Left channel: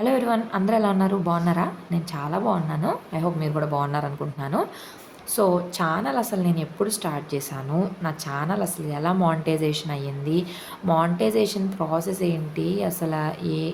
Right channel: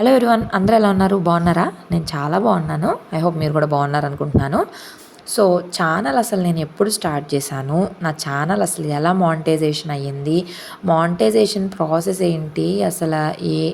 Hello everyone అందరూ ఎలా ఉన్నారు? బాగున్నారా? నేను చాలా బాగున్నాను. ఐ హోప్ మీరు కూడా బాగున్నారు అనుకుంటున్నాను. సో ఛానల్ అసలు నేను ఎప్పుడు స్టార్ట్ చేశాను? నా ఛానల్ అసలు ఎలా మానిటైజేషన్ అయ్యింది? మానిటైజేషన్ ప్రాసెస్ ఏంటి? అసలు ఏ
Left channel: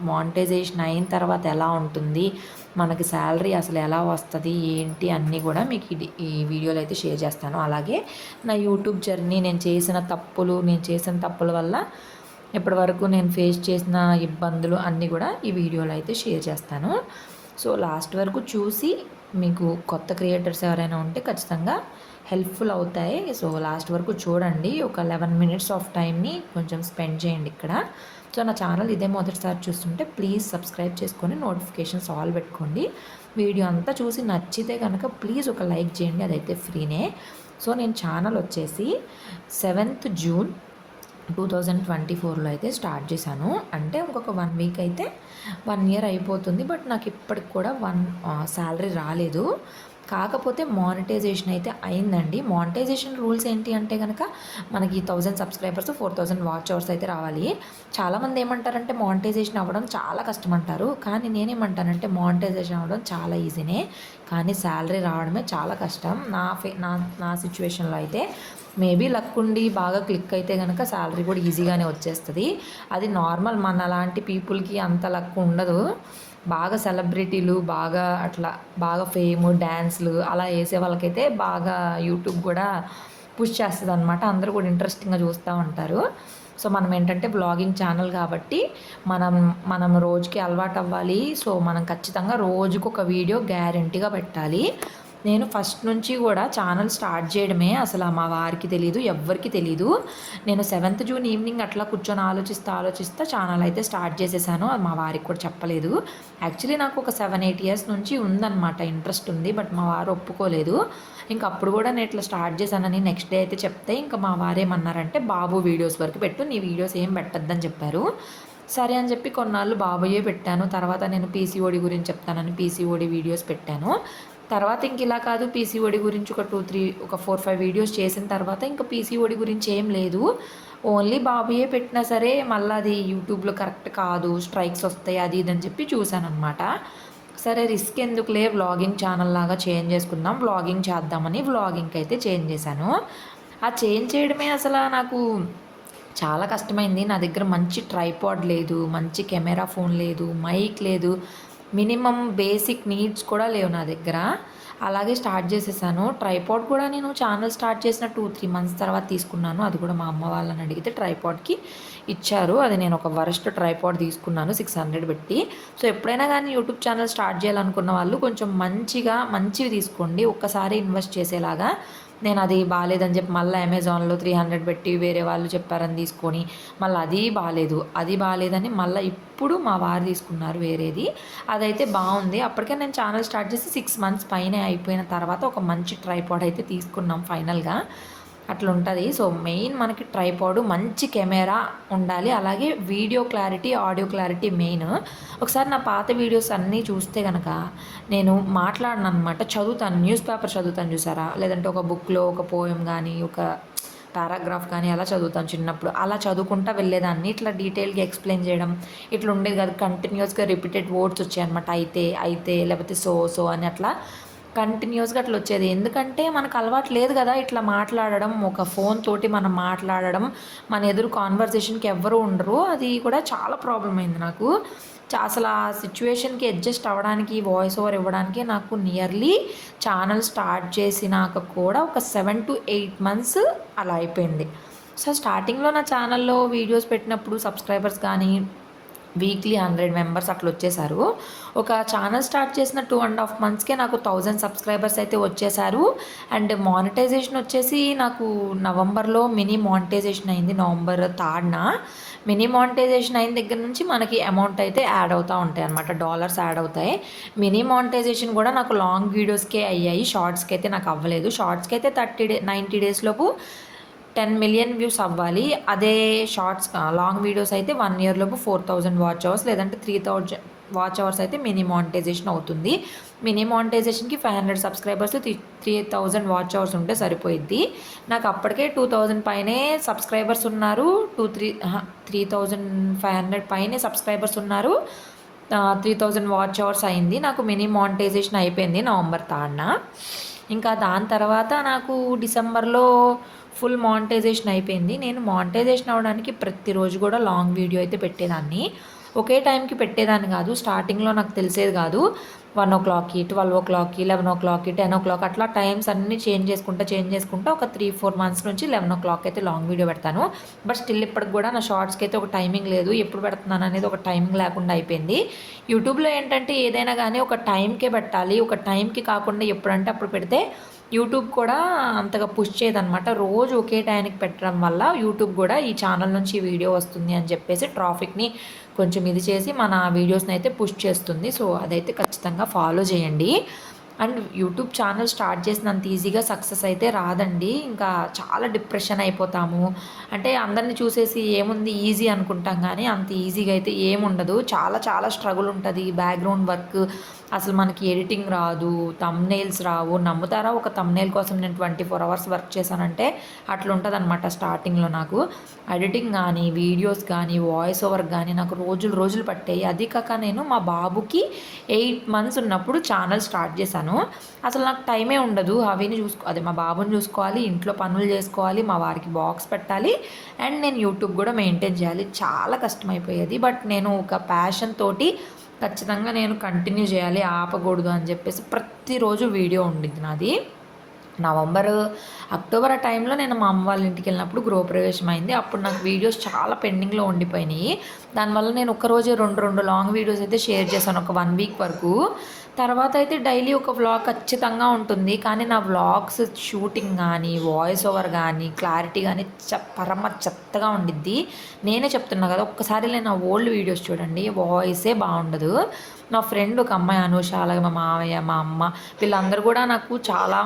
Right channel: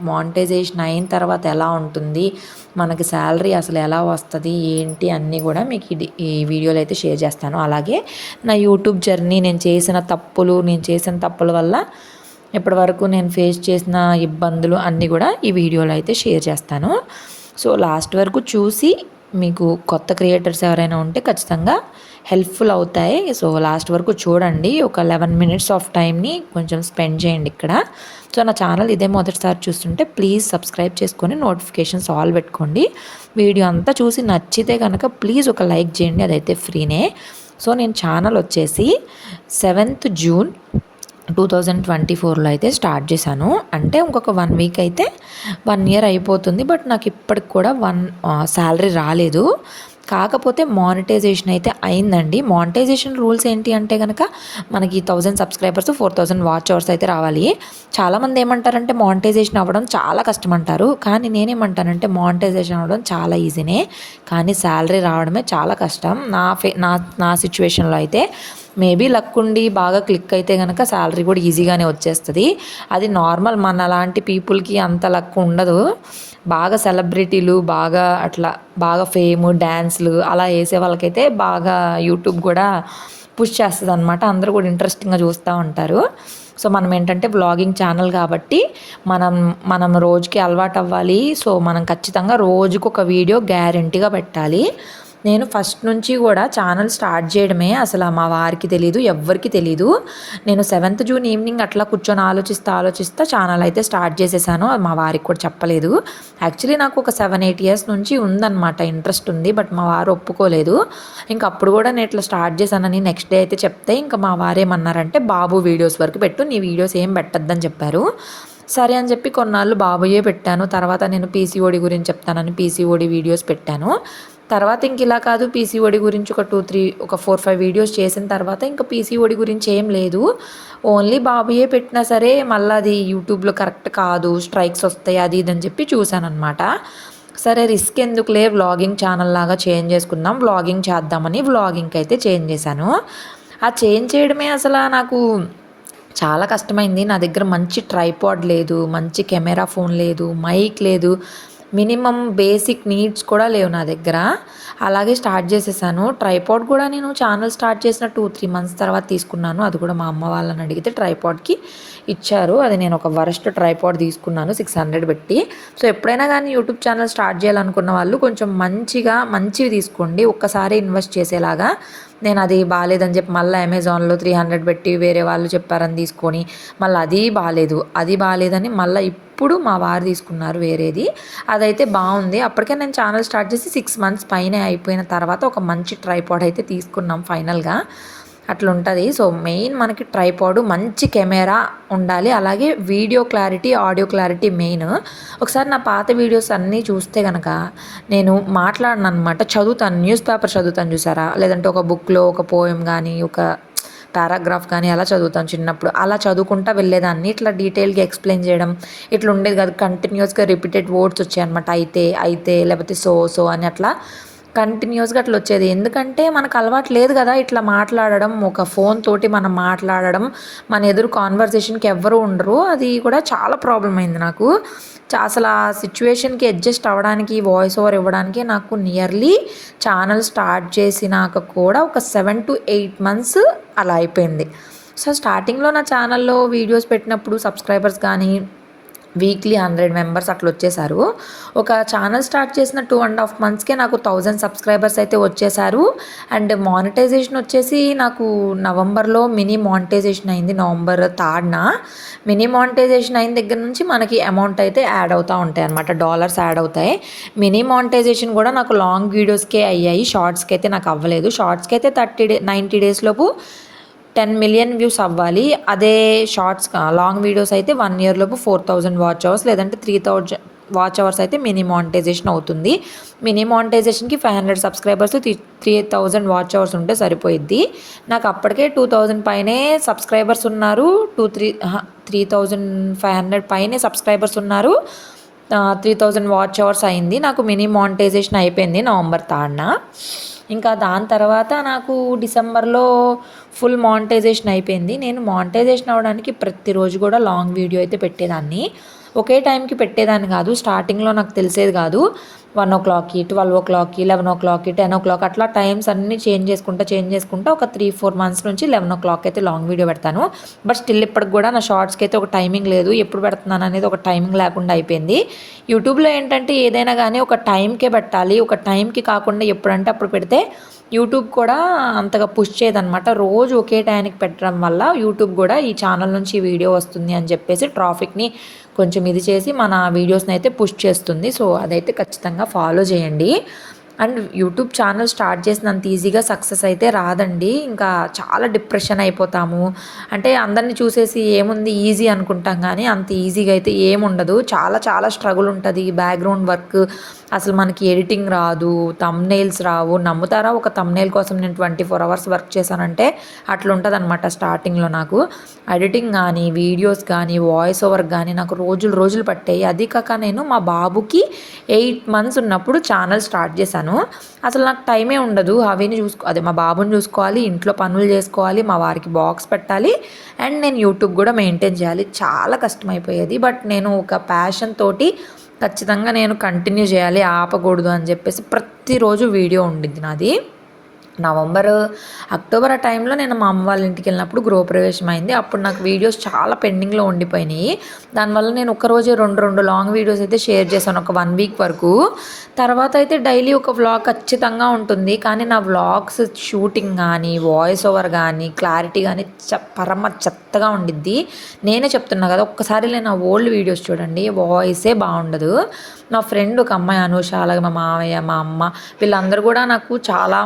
మానిటైజేషన్ అయిన తర్వాత ఎలా ఉంటుంది? మనకి శాలరీ అసలు ఎలా వస్తుంది? ఏంటి? అన్నీ కూడా మీకు ఈ వీడియోలో అయితే షేర్ చేస్తాను. అలాగే నా యూట్యూబ్ జర్నీ నేను చేసిన తప్పులు నేను చేసిన తప్పుల వల్ల ఇప్పటి వరకు నేను ఫేస్ చేసిన ఇబ్బందులు అన్నీ కూడా ఈ వీడియోలో అయితే షేర్ చేస్తాను. సో లాస్ట్ వరకు చూసి మీకు కొత్త క్రియేటర్స్ ఎవరైనా ఉంటే ఖచ్చితంగా హెల్ప్ఫుల్ అవుతాయి. సో లాస్ట్ వరకు చూడండి. ఒక లెవెన్ మినిట్స్ ఆఫ్ టైంని కొంచెం స్పెండ్ చేయండి ఇక్కడ. సో నా ఛానల్ ఇదే మొదటిసారి చూస్తుంటే ప్లీజ్ సబ్స్క్రైబ్ చేసుకొని నోటిఫికేషన్స్ ఆల్ పెట్టుకోండి. వీడియో అంతా చూసి నచ్చితే కనుక ప్లీజ్ ఒక లైక్ చేయండి. అదైతే ఫ్రీనే సో నేను ఛానల్ వచ్చేసి seventh June two thousand twenty ఫోర్లో అయితే స్టార్ట్ చేశాను. అంటే ఇంకొక వన్ వీక్ అయితే వన్ ఇయర్ అయిపోతుంది. బట్ నాకు ఇప్పటికి కూడా వన్ శాలరీ రాలేదు. కాకపోతే మానిటైజేషన్ అయితే అయిందండి. మానిటైజేషన్ రూల్స్ ఏంటి అంటే కనుక మనకి thousand subscribers four thousand watch hours అయితే రావాలి. చాలామంది ఏమంటారంటే మానిటైజేషన్ అవ్వడం చాలా కష్టం అంటారు కానీ నేనేమంటానంటే మానిటైజేషన్ అవ్వడం చాలా ఈజీనే. కానీ శాలరీ రావడమే చాలా కష్టం. నా ఫే నా నా సిచ్యువేషన్లో అయితే మేబీ లక్ ఉండి బాగా క్లిక్ అయితే కనుక శాలరీ కూడా ఈజీగానే వచ్చేస్తుంది. అది నార్మల్ మన లాంటి పీపుల్కి అంత లక్ ఉండదు. బాగా సెలబ్రిటీలు బాగా అట్లా బాగా ఫేమ్ డ్యాన్స్లు అలా వేసే వాళ్ళకైతే బాగా యూట్యూబ్ కూడా పుష్ చేస్తుంది అనమాట అందరూ కూడా ఇంట్రెస్టింగ్గా చూస్తూ ఉంటారు. సో మనం ఏంటంటే బ్లాగింగ్ ఛానల్ కాబట్టి మనం మనం రోజుకి అలవాటు అవ్వాలి. సో మనం ఖచ్చితంగా రోజుకు ఒక వీడియో గ్యారంటీగా పెట్టాలి. నేను ఫస్ట్ నుంచి కూడా ఛానల్ స్టార్ట్ చేయడమే అసలు మా వారికి తెలీదు ఎవ్వరికి తెలీదు. నేను సెవెంత్ జూన్ ఈవినింగ్ అట్లా కూర్చొని ఆలోచిస్తా ఆలోచిస్తా ఛానల్ అయితే స్టార్ట్ చేసేసాను. మా వారికి కూడా చెప్పలేదు. యాక్చువల్లీ నాకు ఒక సెవెన్ ఎయిట్ ఇయర్స్ నుంచి ఉందన్నమాట ఇంట్రెస్ట్ ఉంది బట్ మా వారు ఒప్పుకోలేదు. ఇంకా అప్పుడు కూడా నేను ఇట్లా స్టార్ట్ చేశానని నెక్స్ట్ డే అయితే చెప్తే ఇంకా మా వారేమన్నారంటే బాబు వీడియోస్ వరకు పెట్టు నీ వీడియోస్ ఏం పెట్టద్దని చెప్పారు. సరే అని చెప్పి కొన్నాళ్ళు బాబుయే పెట్టాను. తర్వాత నేను పీసీఓడి గురించి చెప్తానని పీసీఓడి వీడియోస్ పెట్టాను. తర్వాత ఇంక ఇలా కాదు పీసీఓడి గురించి ఒక టూ త్రీ ఒక ఫోర్ ఫైవ్ వీడియోస్ చేసిన తర్వాత ఇంకా పీసీఓడి గురించి ఏం లేదు. ఓన్లీ బాబుయే పెట్టినా సరే మళ్ళీ అది యూట్యూబ్లో కరెక్ట్ కాదు స్ట్రైక్స్ వస్తాయి అది ఇది అని చెప్పి చూశానమాట సరే రిస్క్ ఎందుకులే? వ్లాగింగ్ ఛానల్ లాగా చేంజ్ చేసుకుందాం వ్లాగింగ్ చేద్దామని వ్లాగింగ్కి అయితే చేంజ్ చేశాను. ఆ చేంజ్ చేయడమే అసలు నాకు చాలా కష్టమైంది. నా దగ్గర మంచి ట్రైపాడ్ లేదు మంచి కెమెరా ఫోన్ లేదు మైక్ లేదు. మినిమం బేసిక్ నీడ్స్ కూడా లేవు నా దగ్గర. అలాగే స్టార్ట్ చేసేసాను. ట్రైపాడ్ కూడా నేను ఛానల్ స్టార్ట్ చేసిన టూ త్రీ మంత్స్ తర్వాత తీసుకున్నాను. అది కూడా మా అమ్మ వాళ్ళని అడిగితే ట్రైపాడ్కి ఇచ్చారు. అది నేను ఒక వరస్ట్ ట్రైపాడ్ తీసుకున్నాను సిక్స్ హండ్రెడ్ పెట్టి. సో ఎప్పుడైనా కానీ యూట్యూబ్ ఛానల్ స్టార్ట్ చేయాలనుకున్న వాళ్ళు కొంచెం మంచిగా మంచివి తీసుకోండి. ఒక్కసారి ఇన్వెస్ట్ చేసేలాగా నేను అది బాగాలేదని చెప్పి మళ్ళీ అమెజాన్లో త్రీ హండ్రెడ్ పెట్టి వేరే వాళ్ళు చెప్పారని తీసుకొని మళ్ళీ అది బాగాలేదు అది బాగాలేదని మళ్ళీ ఇప్పుడు మా వారు తీసుకున్నారు వేరేది. అదైతే బాగుంది. అప్పటికే నేను ఛానల్ స్టార్ట్ చేసి సిక్స్ మంత్స్ పైన అయిపోయిన తర్వాత ఒక మంచి ట్రైపాడ్ అయితే తీసుకున్నాం ఫైనల్గా అట్లా ఉంటుంది సో మెయిన్ మనకి ట్రైపాడు మంచి కెమెరా ఉండాలి. అలాగే video clarity audio clarity main. ఒకసారి నా పాత వీడియోస్ అన్నీ చూస్తే కనుక నేను మాట్లాడిన అనమాట చదువుతాను. న్యూస్ పేపర్ చదువుతాను చూసారా? లేదంటే ఒక బుక్లో ఒక పోయం కానీ ఒక పారాగ్రాఫ్ కానీ అలా చదువుతాను చిన్నప్పుడు. అలా చదువుకుంటా వెళ్ళేదాన్ని. ఇట్లా డీటెయిల్గా ఎక్స్ప్లెయిన్ చేయడం ఇట్లా ఉండేది కాదు. కంటిన్యూస్గా రిపీటెడ్ వర్డ్స్ వచ్చాయి అనమాట అయితే అయితే లేకపోతే సో సో అని అట్లా కంటిన్యూస్గా అట్లా వచ్చేది. ఎందుకంటే మనకు అలవాటు లేదు కదా ఇట్లా మాట్లాడడం ఒక ఫోన్ తోటి మనం మాట్లాడడం మన ఎదురు కాన్వర్సేషన్కి ఎవ్వరు ఉండరు. అది కూడా చాలా ప్రాబ్లం అయింది నాకు. అసలు ఆ సిచ్యువేషన్కి అడ్జస్ట్ అవ్వడానికి వాయిస్ ఓవర్ ఇవ్వడానికి నాకు నియర్లీ ఛానల్ స్టార్ట్ చేసినాక కూడా ఒక సెవెన్ టు ఎయిట్ మంత్స్ అలా అయిపోయింది. సో స్టార్టింగ్లో నా ఛానల్లో వీడియోస్ పెట్టినప్పుడు సబ్స్క్రైబర్స్ కానీ వీక్లీ హండ్రెడ్ మెంబర్స్ అట్లా వచ్చేసారు. ఒక ఛానల్ స్టార్ట్ చేసిన టూ అండ్ హాఫ్ మంత్స్కే నాకు థౌజండ్ సబ్స్క్రైబర్స్ అయితే వచ్చేసారు. అండ్ మానిటైజేషన్ వచ్చేసి నాకు నవంబర్లో మినీ మానిటైజేషన్ అయింది. నవంబర్ థర్డ్న మినీ మానిటైజేషన్ అయిన దగ్గర నుంచి మనకి అమౌంట్ అయితే యాడ్ అవుతూ ఉంటాయి అనమాట డాలర్స్ యాడ్ అవుతాయి. మినీ మానిటైజేషన్ కూడా నాకు లాంగ్ వీడియోస్కే అయ్యాయి. షార్ట్స్కి అయితే నాకు అవ్వలేదు. షార్ట్స్కి అయితే థర్టీ డే నైంటీ డేస్ లోపు టెన్ మిలియన్ వ్యూస్ అవ్వాలి. అదే షార్ట్స్ లాంగ్ వీడియోస్ అయితే వన్ ఇయర్లోపు ఫోర్ థౌజండ్ వాచ్ అవర్స్ లేదంటే త్రీ థౌజండ్ వాచ్ అవర్స్ అయితే మినీ మానిటైజేషన్ అవుతుంది. Mini మానిటైజేషన్కి five hundred subscribers three three thousand watch hours ఉంటే సరిపోయిద్ది. నాకు అప్పటికే టూ థౌజండ్ పైనే సబ్స్క్రైబర్స్ ఉన్నారు. Two three three thousand five hundred పైనే సబ్స్క్రైబర్స్ ఉన్నారు. త్రీ థౌజండ్ వాచ్ అవర్స్ అయింది. నాకు మినీ మానిటైజేషన్ అయిపోయింది నవంబర్ థర్డ్న ఇంకా దాని తర్వాత నాకు డిసెంబర్లో ఫుల్ మానిటైజేషన్ అయిపోయింది. నేను మానిటైజేషన్ అవ్వడానికి ప్రతిరోజు కూడా లాంగ్ వీడియో అయితే పెట్టేదాన్ని. ఒకే టైంకి పెట్టేదాన్ని కాదు. స్టార్టింగ్లో నాకు తెలిసేది కాదు. వన్ ఓ క్లాక్కి ట్వెల్వ్ ఓ క్లాక్కి లెవెన్ ఓ క్లాక్కి టెన్ ఓ క్లాక్ అట్లా టైమ్స్ అన్నీ చేంజ్ చేసుకుంటా చేంజ్ చేసుకుంటా ఒక త్రీ ఫోర్ మంత్స్ నుంచి లెవెన్ ఓ క్లాక్ అయితే లాంగ్ వీడియో పెడతాను. బట్ స్టిల్ ఇప్పటికి కూడా నా షార్ట్స్కి అయితే ఒక టైమింగ్ లేదు. ఎప్పుడు పెడుతున్నాను అనేది ఒక టైమింగ్ లేకుండా అయిపోయింది. యూట్యూబ్లో ఏంటంటే ఏదైనా కానీ ఒక టైంకే పెట్టాలి. ఒక టైంకి కాకుండా ఎప్పుడంటే అప్పుడు పెడితే యూట్యూబ్ కూడా అంతగా పుష్ చేయదనమాట రోజు ఒకే టైంకి పెట్టడం వల్ల యూట్యూబ్ కూడా ఈ ఛానల్ నుంచి వీడియో వస్తుంది అని చెప్పేసి ట్రాఫిక్ని కొంచెం ఇది చేసి మన వీడియోస్ని అయితే పుష్ చేస్తుంది. సో అదైతే ఖచ్చితంగా ఫాలో చేయండి. అండ్ యూట్యూబ్ ఛానల్ స్టార్ట్ చేసినంత ఈజీగా సక్సెస్ అయితే రాదండి. ఇంకా చాలా డిప్రెషన్ అయిపోతాము. అంటే అందరిని చూసేసి ఏముంది ఈజీ అనుకుంటాం కానీ అంత ఈజీగా అయితే ఏముండదు. చాలా చాలా స్ట్రగుల్ ఉంటుంది. బ్యాక్గ్రౌండ్ వర్క్ అసలు మనకి ఎడిటింగ్ రాదు తమ్నైల్స్ రావు. నమ్ముతారా? ఒక తమ్నైల్ కోసం నేను ట్వంటీ ఫోర్ అవర్స్ వర్క్ చేశానంటే అట్లుంటుంది అనమాట స్టార్టింగ్లో నాకు. ఎడిటింగ్ కానీ వీడియోస్ కానీ వాయిస్ ఓవర్ కానీ నాకు రోజులు రోజులు పట్టాయి. అది కాక నేను మా బాబుకి ఎయిట్ మంత్స్ ఉన్నప్పుడు ఛానల్ స్టార్ట్ చేశాను. అసలు నాకు టైమే ఉండదు. అవన్నీ చూసుకో అదే మా బాబుని చూసుకోవాలి ఇంట్లో పనులు చేసుకోవాలి మా వారికి బాక్స్ పెట్టాలి అండ్ నేను యూట్యూబ్ కూడా మెయింటైన్ చేయాలి. చాలా కష్టమైపోయేది. బట్ నేను ఒక ప్యాషన్ తోటి ఖచ్చితంగా నేను కంటిన్యూ చేయాలి ఆపకూడదు అని చెప్పేసి ప్రతిరోజు వీడియో ఉండింది నాది. నవంబర్ అక్టోబర్ ఆ టైంలో నేను మా అమ్మ వాళ్ళ ఇంటికి వెళ్ళినప్పుడు గృహప్రవేశం అయింది. అప్పుడు నాకు వీడియోస్ చాలా పెండింగ్లో ఉండిపోయినాయి. దానివల్ల నేను ఒక్కరోజే రెండు రెండు లాంగ్ వీడియోస్ అయితే షేర్ చేశాను ఒక వన్ వీక్ వరకు. తర్వాత అయితే డైలీ ఒక వ్లాగ్ ఖచ్చితంగా ఉంటుంది. కానీ నా వ్లాగ్స్ షూటింగ్ కానీ వాయిస్ ఓవర్ కానీ క్లారిటీ కానీ చ పరమ చెత్తగా ఉండిద్ది. నేనే చెప్తున్నా కదా ఒక్కసారి నేను నా ఓల్డ్ వీడియోస్ చూడండి వాయిసే బాగుండదు. నా ఫ్రెండ్ ఒక అమ్మాయి అనూష అలాగే మా మామయ్య మా అమ్మ వీళ్ళందరూ కూడా నాకు చాలా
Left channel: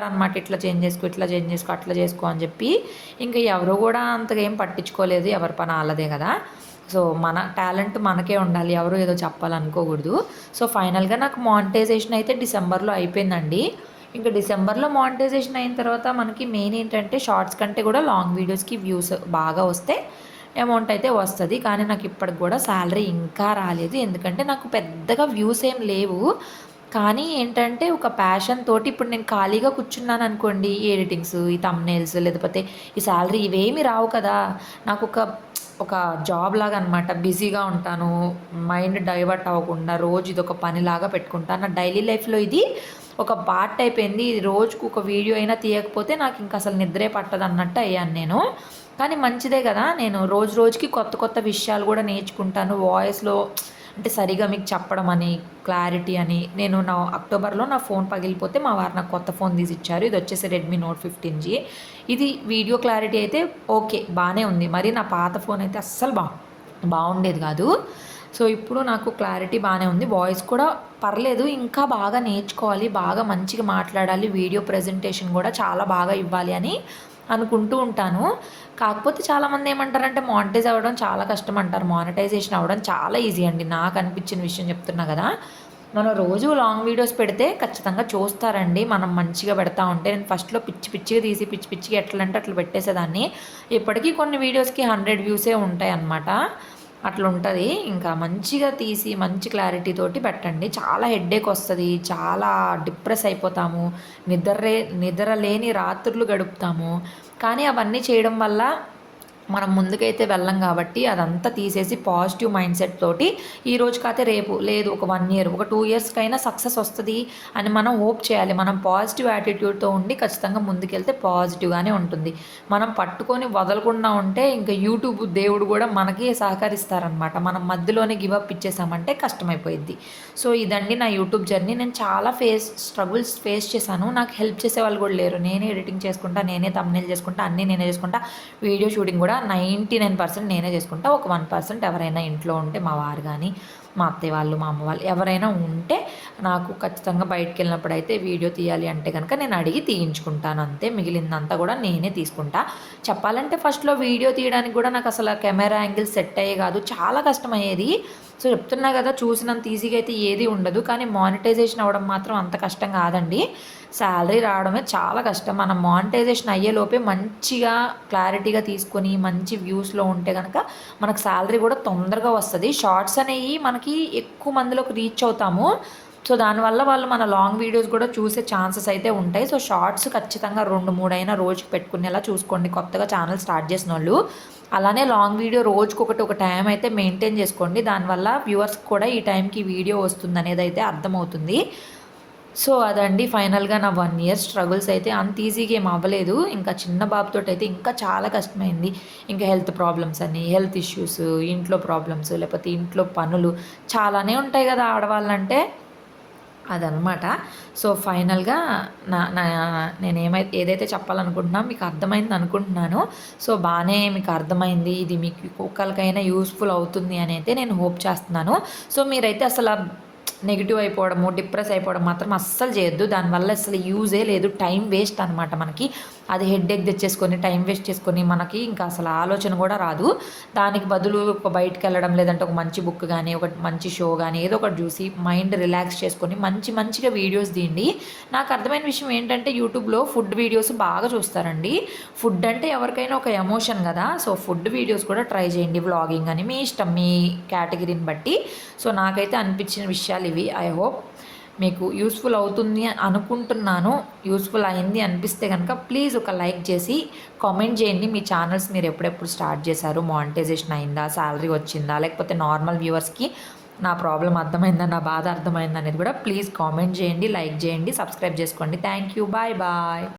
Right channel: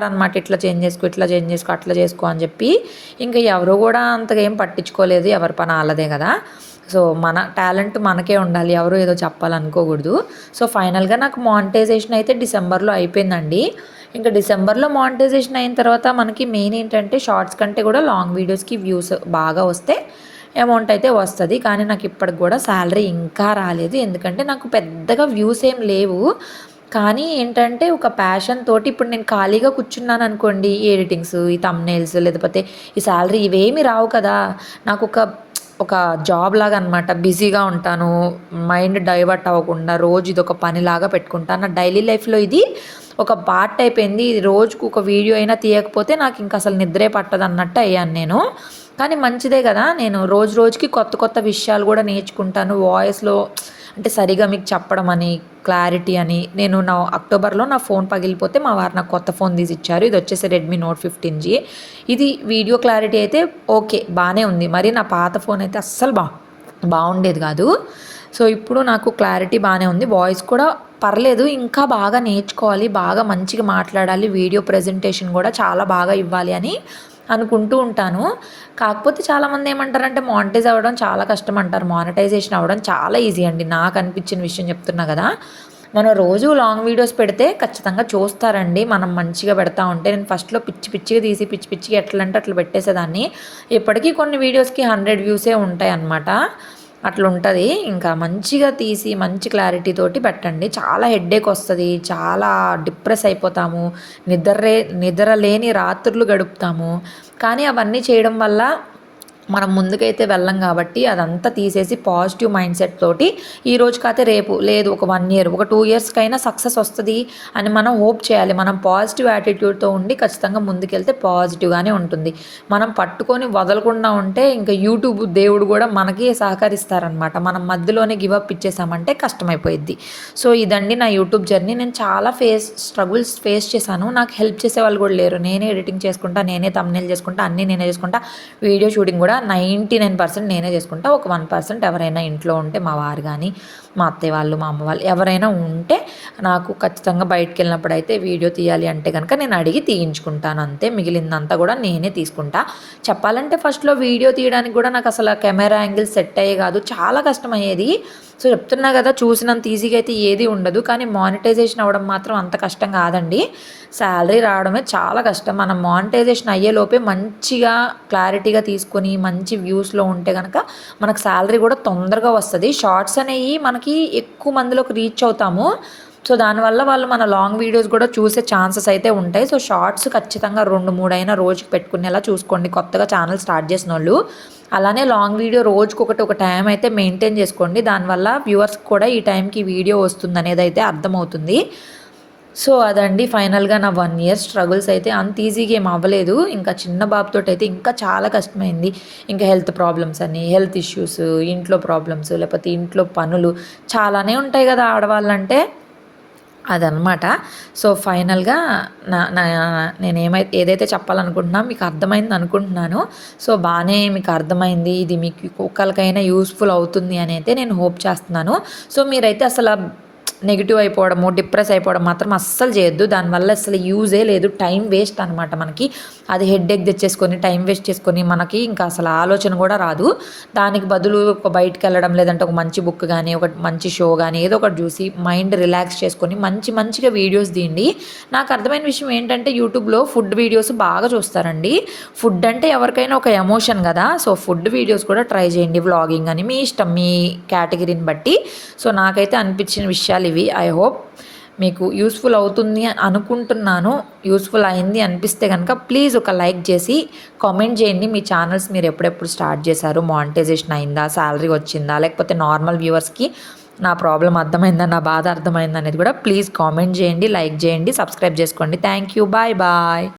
చెప్పారనమాట ఇట్లా చేంజ్ చేసుకో ఇట్లా చేంజ్ చేసుకో అట్లా చేసుకో అని చెప్పి. ఇంకా ఎవరు కూడా అంతగా ఏం పట్టించుకోలేదు ఎవరి పని వాళ్ళదే కదా. సో మన టాలెంట్ మనకే ఉండాలి ఎవరు ఏదో చెప్పాలనుకోకూడదు సో ఫైనల్గా నాకు మానిటైజేషన్ అయితే డిసెంబర్లో అయిపోయిందండి. ఇంకా డిసెంబర్లో మానిటైజేషన్ అయిన తర్వాత మనకి మెయిన్ ఏంటంటే షార్ట్స్ కంటే కూడా లాంగ్ వీడియోస్కి వ్యూస్ బాగా వస్తే అమౌంట్ అయితే వస్తుంది. కానీ నాకు ఇప్పటికి కూడా శాలరీ ఇంకా రాలేదు. ఎందుకంటే నాకు పెద్దగా వ్యూస్ ఏం లేవు. కానీ ఏంటంటే ఒక ప్యాషన్ తోటి ఇప్పుడు నేను ఖాళీగా కూర్చున్నాను అనుకోండి ఈ ఎడిటింగ్స్ ఈ తమ్నేల్స్ లేకపోతే ఈ శాలరీ ఇవేమి రావు కదా. నాకు ఒక ఒక జాబ్ లాగా అనమాట బిజీగా ఉంటాను. మైండ్ డైవర్ట్ అవ్వకుండా రోజు ఇది ఒక పనిలాగా పెట్టుకుంటాను నా డైలీ లైఫ్లో ఇది ఒక పార్ట్ అయిపోయింది. రోజుకు ఒక వీడియో అయినా తీయకపోతే నాకు ఇంకా అసలు నిద్రే పట్టదు అన్నట్టు అయ్యాను నేను. కానీ మంచిదే కదా నేను రోజు రోజుకి కొత్త కొత్త విషయాలు కూడా నేర్చుకుంటాను. వాయిస్లో అంటే సరిగా మీకు చెప్పడం అని క్లారిటీ అని. నేను నా అక్టోబర్లో నా ఫోన్ పగిలిపోతే మా వారు నాకు కొత్త ఫోన్ తీసి ఇచ్చారు. ఇది వచ్చేసి రెడ్మీ నోట్ ఫిఫ్టీన్ జీ ఇది వీడియో క్లారిటీ అయితే ఓకే బాగానే ఉంది. మరి నా పాత ఫోన్ అయితే అస్సలు బా బాగుండేది కాదు. సో ఇప్పుడు నాకు క్లారిటీ బాగానే ఉంది. వాయిస్ కూడా పర్లేదు ఇంకా బాగా నేర్చుకోవాలి బాగా మంచిగా మాట్లాడాలి వీడియో ప్రజెంటేషన్ కూడా చాలా బాగా ఇవ్వాలి అని అనుకుంటూ ఉంటాను. కాకపోతే చాలామంది ఏమంటారంటే మానిటైజ్ అవ్వడం చాలా కష్టం అంటారు. మానిటైజేషన్ అవ్వడం చాలా ఈజీ అండి. నాకు అనిపించిన విషయం చెప్తున్నా కదా. మనం రోజు లాంగ్ వీడియోస్ పెడితే ఖచ్చితంగా చూస్తారండి. మనం మంచిగా పెడతా ఉంటే నేను ఫస్ట్లో పిచ్చి పిచ్చిగా తీసి పిచ్చి పిచ్చిగా ఎట్లా అంటే అట్లా పెట్టేసేదాన్ని. ఇప్పటికీ కొన్ని వీడియోస్కి హండ్రెడ్ వ్యూసే ఉంటాయి అన్నమాట అట్లా ఉంటుంది ఇంకా మంచిగా తీసి మంచి క్లారిటీ తోటి పెట్టండి. చాలా హెడ్ఏక్ వస్తుంది. చాలా డిప్రెస్ అయిపోతాము. నిద్రలే నిద్ర లేని రాత్రులు గడుపుతాము. కానీ అవన్నీ చేయడం వల్ల మనం ముందుకైతే వెళ్ళం కాబట్టి అదంతా తీసేసి పాజిటివ్ మైండ్ సెట్ తోటి ఈ రోజు కాతే రేపు లేదు ఒక వన్ ఇయర్ ఒక టూ ఇయర్స్కైనా సక్సెస్ వస్తుంది అని మనం హోప్ చేయాలి. మనం పాజిటివ్ యాటిట్యూడ్తో ఉండి ఖచ్చితంగా ముందుకెళ్తే పాజిటివ్గానే ఉంటుంది. మనం పట్టుకొని వదలకుండా ఉంటే ఇంకా యూట్యూబ్ దేవుడు కూడా మనకి సహకరిస్తారనమాట మనం మధ్యలోనే గివప్ ఇచ్చేసామంటే కష్టమైపోయింది సో ఇదండి నా యూట్యూబ్ జర్నీ. నేను చాలా ఫేస్ స్ట్రగుల్స్ ఫేస్ చేశాను. నాకు హెల్ప్ చేసే వాళ్ళు కూడా లేరు. నేనే ఎడిటింగ్ చేసుకుంటా నేనే తమ్నేల్ చేసుకుంటా అన్నీ నేనే చేసుకుంటా వీడియో షూటింగ్ కూడా నైంటీ నైన్ పర్సెంట్ నేనే చేసుకుంటా. ఒక వన్ పర్సెంట్ ఎవరైనా ఇంట్లో ఉంటే మా వారు కానీ మా అత్తయ్య వాళ్ళు మా అమ్మ వాళ్ళు ఎవరైనా ఉంటే నాకు ఖచ్చితంగా బయటకు వెళ్ళినప్పుడు అయితే వీడియో తీయాలి అంటే కనుక నేను అడిగి తీయించుకుంటాను అంతే. మిగిలిందంతా కూడా నేనే తీసుకుంటా. చెప్పాలంటే ఫస్ట్లో వీడియో తీయడానికి కూడా నాకు అసలు కెమెరా యాంగిల్ సెట్ అయ్యే కాదు. చాలా కష్టమయ్యేది. సో చెప్తున్నా కదా చూసినంత ఈజీగా అయితే ఏది ఉండదు. కానీ మానిటైజేషన్ అవ్వడం మాత్రం అంత కష్టం కాదండి. శాలరీ రావడమే చాలా కష్టం. మనం మానిటైజేషన్ అయ్యేలోపే మంచిగా క్లారిటీగా తీసుకొని మంచి వ్యూస్లో ఉంటే కనుక మనకు శాలరీ కూడా తొందరగా వస్తుంది. షార్ట్స్ అనేవి మనకి ఎక్కువ మందిలోకి రీచ్ అవుతాము. సో దానివల్ల వాళ్ళు మన లాంగ్ వీడియోస్ కూడా చూసే ఛాన్సెస్ అయితే ఉంటాయి. సో షార్ట్స్ ఖచ్చితంగా రెండు మూడు అయినా రోజుకి పెట్టుకునేలా చూసుకోండి. కొత్తగా ఛానల్ స్టార్ట్ చేసిన వాళ్ళు అలానే లాంగ్ వీడియో రోజుకి ఒకటి ఒక టైం అయితే మెయింటైన్ చేసుకోండి. దానివల్ల వ్యూవర్స్కి కూడా ఈ టైంకి వీడియో వస్తుంది అనేది అయితే అర్థమవుతుంది. సో అదండి ఫైనల్గా నా వన్ ఇయర్ స్ట్రగుల్స్ అయితే అంత ఈజీగా ఏం అవ్వలేదు. ఇంకా చిన్న బాబుతో అయితే ఇంకా చాలా కష్టమైంది. ఇంకా హెల్త్ ప్రాబ్లమ్స్ అని హెల్త్ ఇష్యూస్ ఇంట్లో ప్రాబ్లమ్స్ లేకపోతే ఇంట్లో పనులు చాలానే ఉంటాయి కదా ఆడవాళ్ళంటే. అదనమాట సో ఫైనల్గా నా నా నేను ఏమైతే ఏదైతే చెప్పాలనుకుంటున్నా మీకు అర్థమైంది అనుకుంటున్నాను. సో బాగానే మీకు అర్థమైంది. ఇది మీకు ఒకరికైనా యూస్ఫుల్ అవుతుంది అని అయితే నేను హోప్ చేస్తున్నాను. సో మీరైతే అసలు నెగిటివ్ అయిపోవడము డిప్రెస్ అయిపోవడం మాత్రం అస్సలు చేయొద్దు. దానివల్ల అసలు యూజే లేదు. టైం వేస్ట్ అనమాట మనకి. అది హెడ్ ఎక్ తెచ్చేసుకొని టైం వేస్ట్ చేసుకొని మనకి ఇంకా అసలు ఆలోచన కూడా రాదు. దానికి బదులు ఒక బయటకు వెళ్ళడం లేదంటే ఒక మంచి బుక్ కానీ ఒక మంచి షో కానీ ఏదో ఒకటి చూసి మైండ్ రిలాక్స్ చేసుకొని మంచి మంచిగా వీడియోస్ తీయండి. నాకు అర్థమైన విషయం ఏంటంటే యూట్యూబ్లో ఫుడ్ వీడియోస్ బాగా చూస్తారండి. ఫుడ్ అంటే ఎవరికైనా ఒక ఎమోషన్ కదా. సో ఫుడ్ వీడియోస్ కూడా ట్రై చేయండి. వ్లాగింగ్ అని మీ ఇష్టం మీ కేటగిరీని బట్టి. సో నాకైతే అనిపించిన విషయాలు ఇవి ఐ హోప్ మీకు యూస్ఫుల్ అవుతుంది అనుకుంటున్నాను. యూస్ఫుల్ అయింది అనిపిస్తే కనుక ప్లీజ్ ఒక లైక్ చేసి కామెంట్ చేయండి. మీ ఛానల్స్ మీరు ఎప్పుడెప్పుడు స్టార్ట్ చేశారు? మానిటైజేషన్ అయిందా? శాలరీ వచ్చిందా? లేకపోతే నార్మల్ వ్యూవర్స్కి నా ప్రాబ్లం అర్థమైందా? నా బాధ అర్థమైందా? అనేది కూడా ప్లీజ్ కామెంట్ చేయండి లైక్ చేయండి సబ్స్క్రైబ్ చేసుకోండి. Thank you bye bye